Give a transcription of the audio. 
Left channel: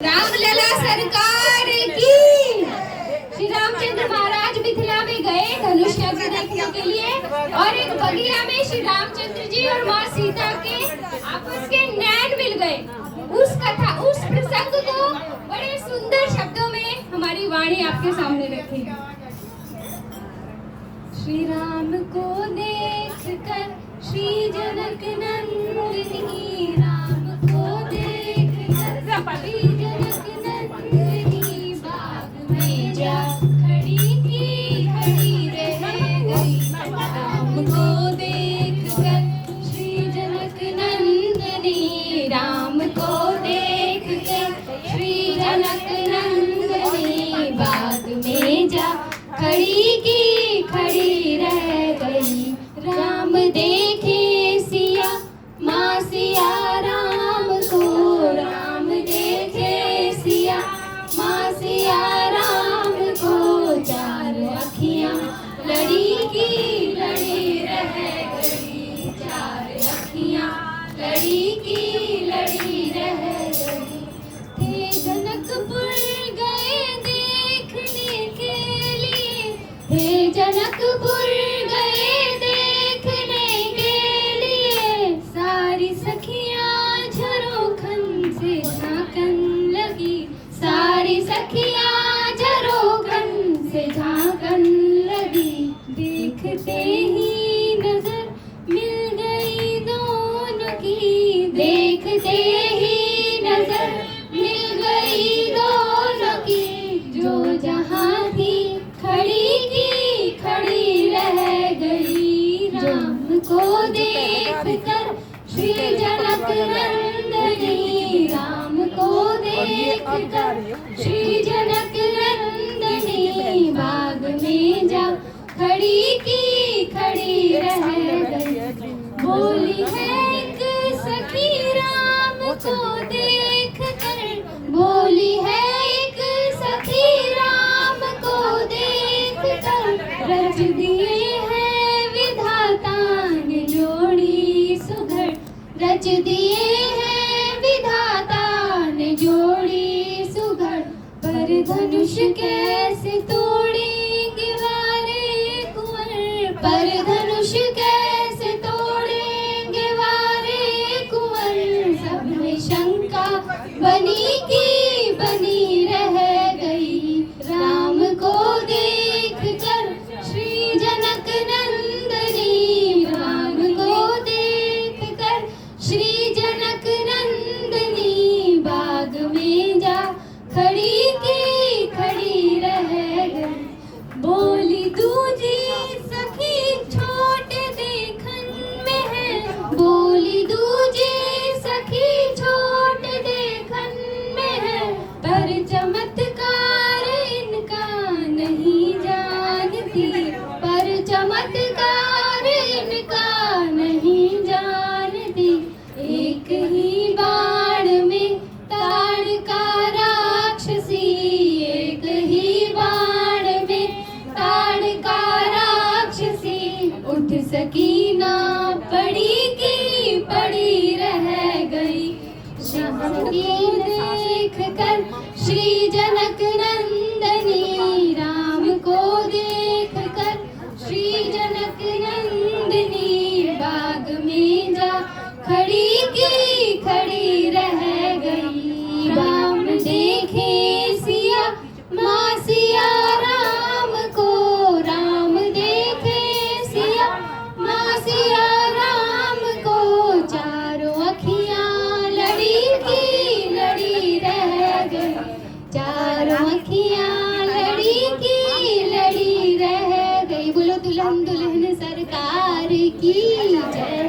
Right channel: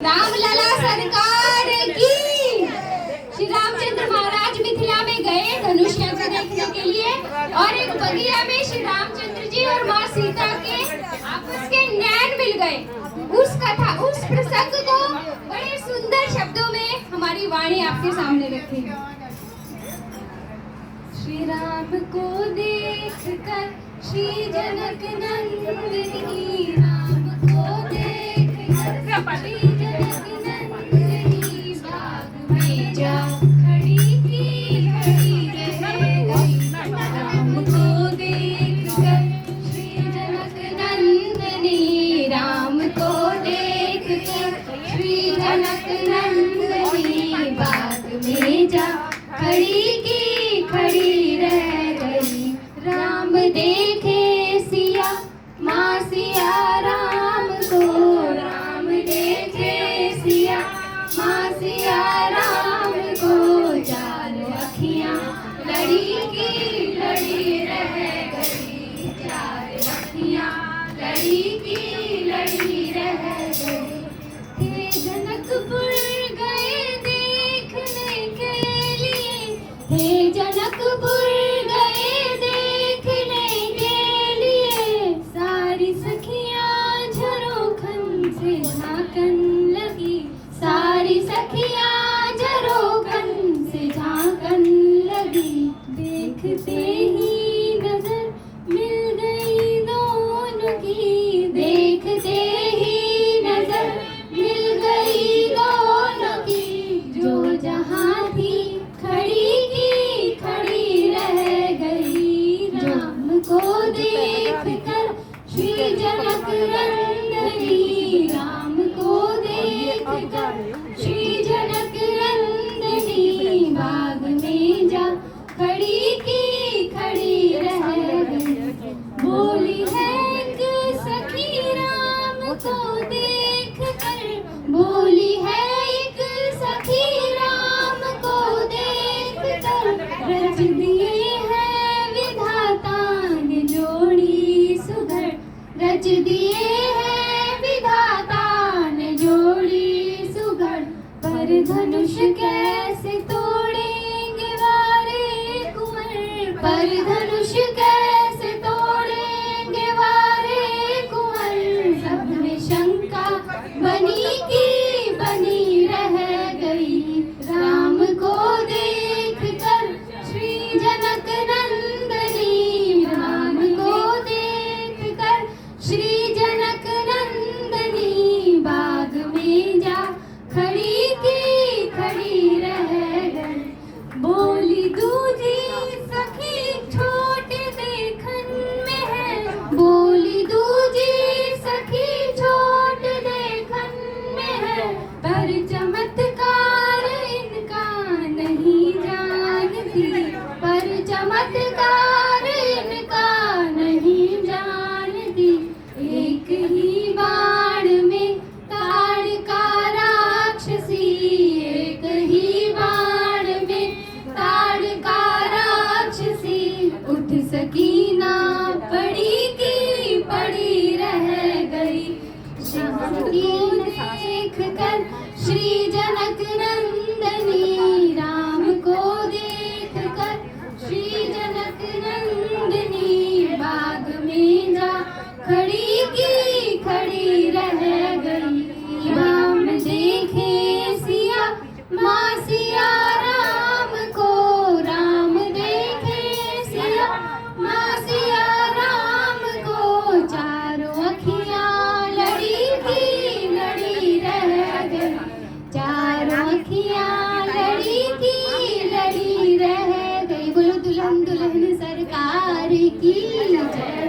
रामलला सरकार की। श्री रामचंद्र महाराज मिथिला में गए धनुष यज्ञ देखने के लिए और एक बगिया में श्री रामचंद्र जी और माँ सीता के आपस के नैन मिल गए। उस कथा, उस प्रसंग को बड़े सुंदर शब्दों में हमारी वाणी आपके सामने रखेगी। श्री राम को देखकर श्री जनक नंदिनी, राम को देखकर श्री जनक नंदिनी बाग में जा खड़ी की खड़ी रह गई। राम को देखकर श्री जनक नंदिनी, राम को देखकर श्री जनक नंदिनी बाग में जा खड़ी की खड़ी रह गई। राम देखे सिया माँ सिया राम को, राम देखे सिया माँ सिया राम को, चार अखियाँ लड़ी की लड़ी रह गई, चार अखियाँ लड़ी की लड़ी रह गई। थे जनकपुर गए देखने के लिए, हे जनकपुर गए देखने के लिए, सारी सखियाँ झरोखन से झांकन लगी, सारी सखियाँ झरोखन से झांकन लगी। देखते ही नजर मिल गई दोनों की, देखते ही नजर मिल गई दोनों की, जो जहाँ थी खड़ी की खड़ी रह गई। राम को देखकर श्री जनक नंदिनी, राम को देखकर श्री जनक नंदिनी बाग में जा खड़ी की खड़ी रह गई। बोली है एक सखी राम को देखकर, बोली है एक सखी राम को देखकर, रच दिए हैं विधाता ने जोड़ी सुघड़, रच दिए हैं विधाता ने जोड़ी सुघड़। पर धनुष कैसे तोड़ेंगे वारे कुंवर, पर धनुष कैसे तोड़ेंगे वारे कुंवर, सब में शंका बनी की बनी रह गई। राम को देखकर श्री जनक नंदिनी, राम को देखकर श्री जनक नंदिनी बाग में जा खड़ी की खड़ी रह गई। बोली दूजी सखी छोट देखन में है, बोली दूजी सखी छोट देखन में है, पर चमत्कार इनका नहीं जानती, पर चमत्कार इनका नहीं जानती। एक ही बाण में ताड़का राक्षसी, एक ही बाण में ताड़का राक्षसी, उठ सकी ना पड़ी की पड़ी रह गई। श्याम को देखकर श्री जनक नंदिनी, राम को देखकर श्री जनक नंदिनी बाग में जा खड़ी की खड़ी रह गई। राम देखे सिया माँ सिया राम को, राम देखे सिया माँ सिया राम को, चारों अखियाँ लड़ी की लड़ी रह गई, चारों अखियाँ लड़ी की लड़ी रह गई। बोलो दुल्हन दुल्हन सरकार की जय।